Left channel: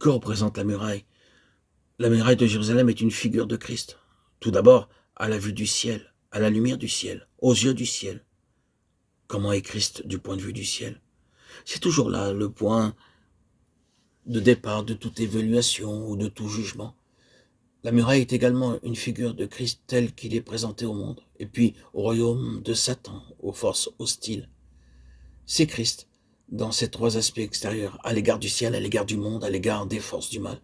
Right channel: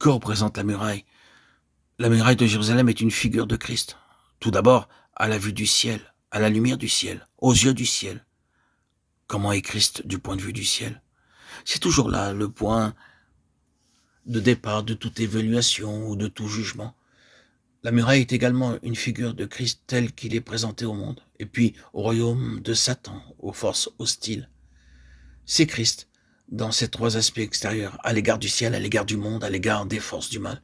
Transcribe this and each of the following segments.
Que représente la muraille? La muraille de Jérusalem est une figure de Christ. Tout d'abord, à la vue du ciel, à la lumière du ciel, aux yeux du ciel. Comment est Christ du point de vue du ciel? C'est toujours là le point de départ de toute évaluation ou de tout jugement. La muraille est également une figure de Christ tel qu'il est présenté au monde, et puis au royaume de Satan, aux forces hostiles. C'est Christ dans ces trois aspects extérieurs, à l'égard du ciel, à l'égard du monde, à l'égard des forces du mal.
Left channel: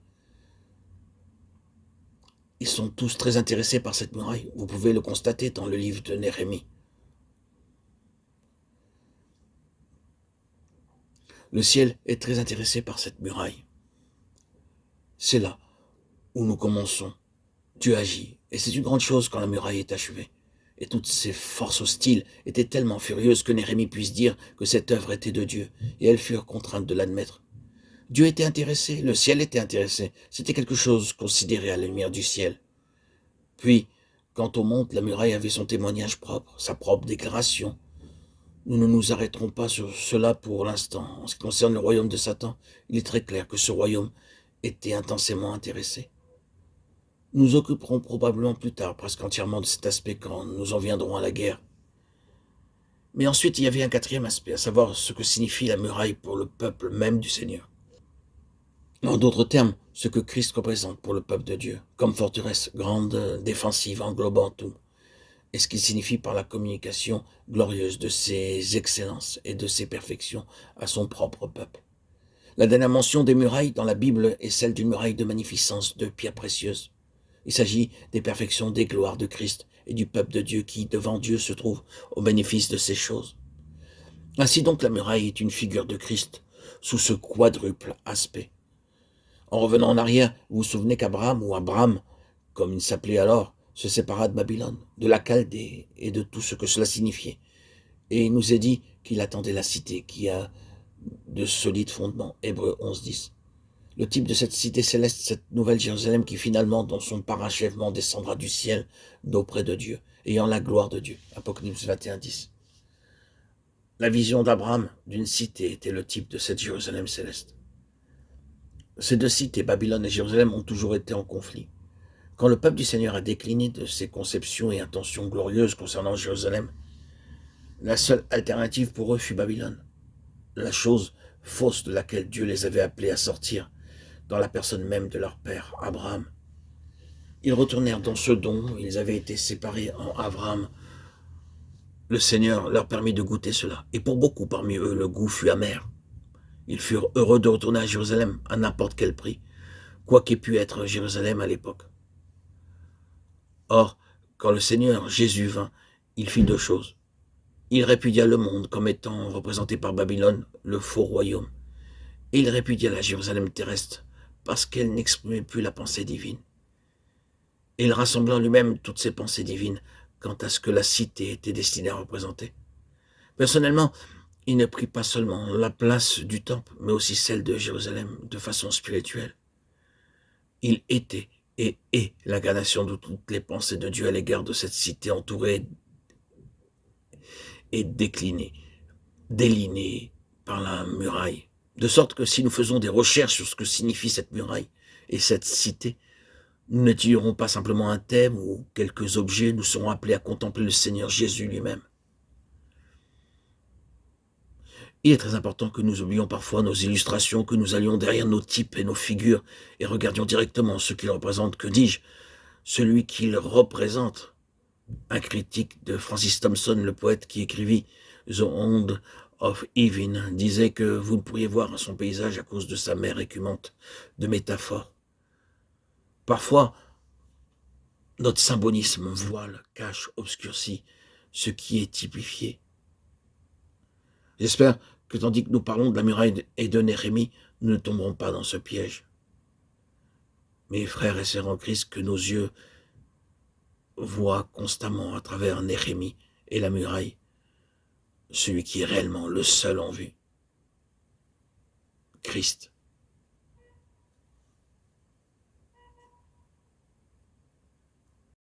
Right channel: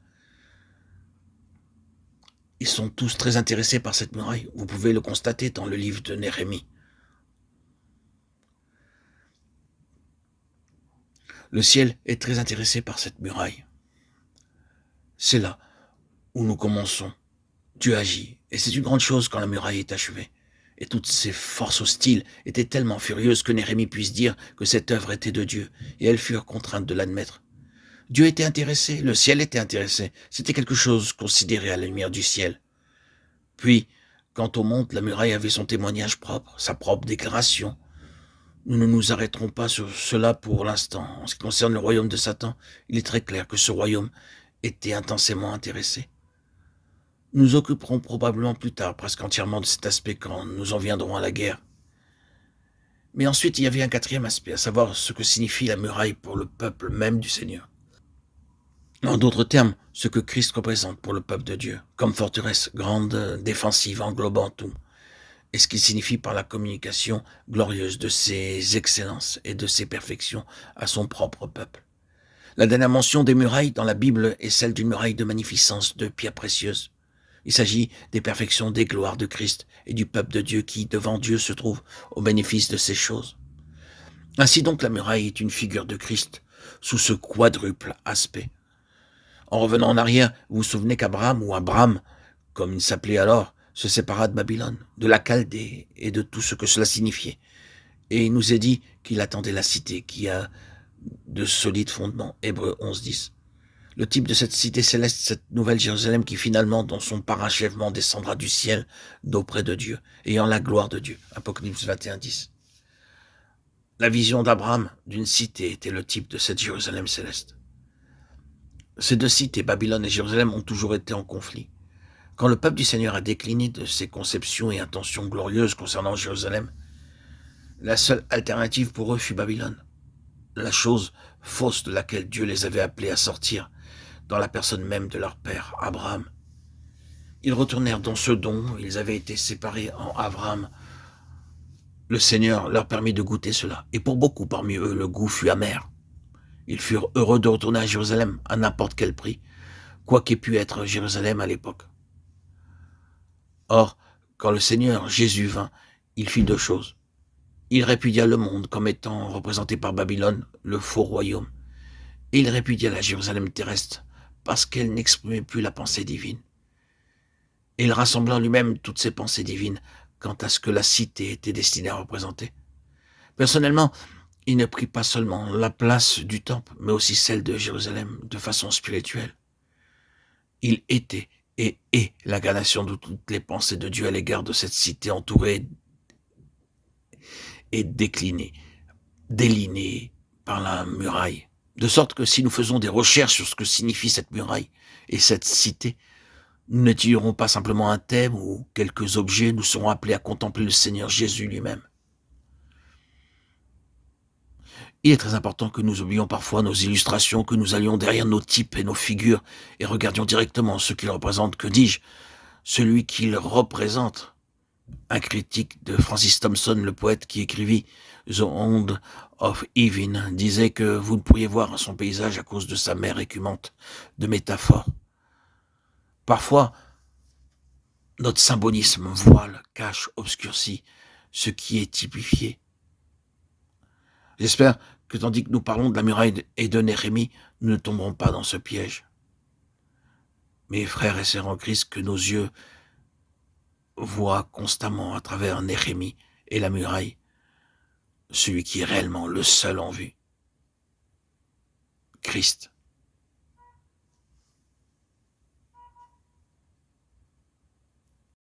Ils sont tous très intéressés par cette muraille. Vous pouvez le constater dans le livre de Néhémie. Le ciel est très intéressé par cette muraille. C'est là où nous commençons. Dieu agit, et c'est une grande chose quand la muraille est achevée. Et toutes ces forces hostiles étaient tellement furieuses que Néhémie puisse dire que cette œuvre était de Dieu, et elles furent contraintes de l'admettre. Dieu était intéressé, le ciel était intéressé, c'était quelque chose considéré à la lumière du ciel. Puis, quant au monde, la muraille avait son témoignage propre, sa propre déclaration. Nous ne nous arrêterons pas sur cela pour l'instant. En ce qui concerne le royaume de Satan, il est très clair que ce royaume était intensément intéressé. Nous occuperons probablement plus tard presque entièrement de cet aspect quand nous en viendrons à la guerre. Mais ensuite, il y avait un quatrième aspect, à savoir ce que signifie la muraille pour le peuple même du Seigneur. En d'autres termes, ce que Christ représente pour le peuple de Dieu, comme forteresse grande, défensive, englobant tout, et ce qu'il signifie par la communication glorieuse de ses excellences et de ses perfections à son propre peuple. La dernière mention des murailles dans la Bible est celle d'une muraille de magnificence, de pierres précieuses. Il s'agit des perfections, des gloires de Christ et du peuple de Dieu qui, devant Dieu, se trouve au bénéfice de ces choses. Ainsi donc, la muraille est une figure de Christ sous ce quadruple aspect. En revenant en arrière, vous vous souvenez qu'Abraham, ou Abram, comme il s'appelait alors, se sépara de Babylone, de la Chaldée et de tout ce que cela signifiait. Et il nous est dit qu'il attendait la cité qui a de solides fondements. Hébreux 11:10. Le type de cette cité céleste, cette nouvelle Jérusalem qui finalement, dans son parachèvement, descendra du ciel d'auprès de Dieu, ayant la gloire de Dieu. Apocalypse 21:10. La vision d'Abraham d'une cité était le type de cette Jérusalem céleste. Ces deux cités, Babylone et Jérusalem, ont toujours été en conflit. Quand le peuple du Seigneur a décliné de ses conceptions et intentions glorieuses concernant Jérusalem, la seule alternative pour eux fut Babylone, la chose fausse de laquelle Dieu les avait appelés à sortir, dans la personne même de leur père, Abraham. Ils retournèrent dans ce dont ils avaient été séparés en Abraham. Le Seigneur leur permit de goûter cela, et pour beaucoup parmi eux, le goût fut amer. Ils furent heureux de retourner à Jérusalem à n'importe quel prix, quoi qu'ait pu être Jérusalem à l'époque. Or, quand le Seigneur Jésus vint, il fit deux choses. Il répudia le monde comme étant représenté par Babylone, le faux royaume, et il répudia la Jérusalem terrestre parce qu'elle n'exprimait plus la pensée divine. Et il rassembla en lui-même toutes ses pensées divines quant à ce que la cité était destinée à représenter. Personnellement, il ne prit pas seulement la place du temple, mais aussi celle de Jérusalem de façon spirituelle. Il était et est l'incarnation de toutes les pensées de Dieu à l'égard de cette cité entourée et déclinée, délinée par la muraille. De sorte que si nous faisons des recherches sur ce que signifie cette muraille et cette cité, nous n'étudierons pas simplement un thème ou quelques objets, nous serons appelés à contempler le Seigneur Jésus lui-même. Il est très important que nous oublions parfois nos illustrations, que nous allions derrière nos types et nos figures et regardions directement ce qu'ils représentent. Que dis-je? Celui qu'ils représentent. Un critique de Francis Thompson, le poète qui écrivit The Hound of Heaven, disait que vous ne pourriez voir son paysage à cause de sa mer écumante de métaphores. Parfois, notre symbolisme voile, cache, obscurcit ce qui est typifié. J'espère que tandis que nous parlons de la muraille et de Néhémie, nous ne tomberons pas dans ce piège. Mes frères et sœurs en Christ, que nos yeux voient constamment à travers Néhémie et la muraille celui qui est réellement le seul en vue, Christ.